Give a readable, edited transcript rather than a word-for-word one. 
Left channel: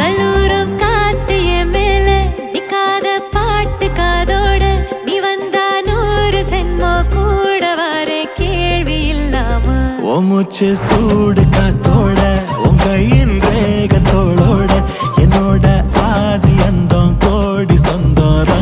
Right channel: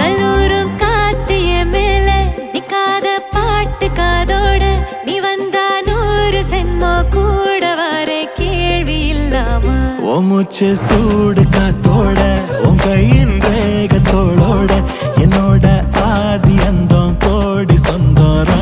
கல்லூரும் காத்திய மேல நிக்காத பாட்டு காதோட நீ வந்தா 100 சென்மோ கூட வர கேள்வி இல்லாம உன் மூச்சு சூடு காத்தோட உன் கையின் ரேகத்தோளோட என்னோட ஆதி அந்தம் கோடி சொந்தம்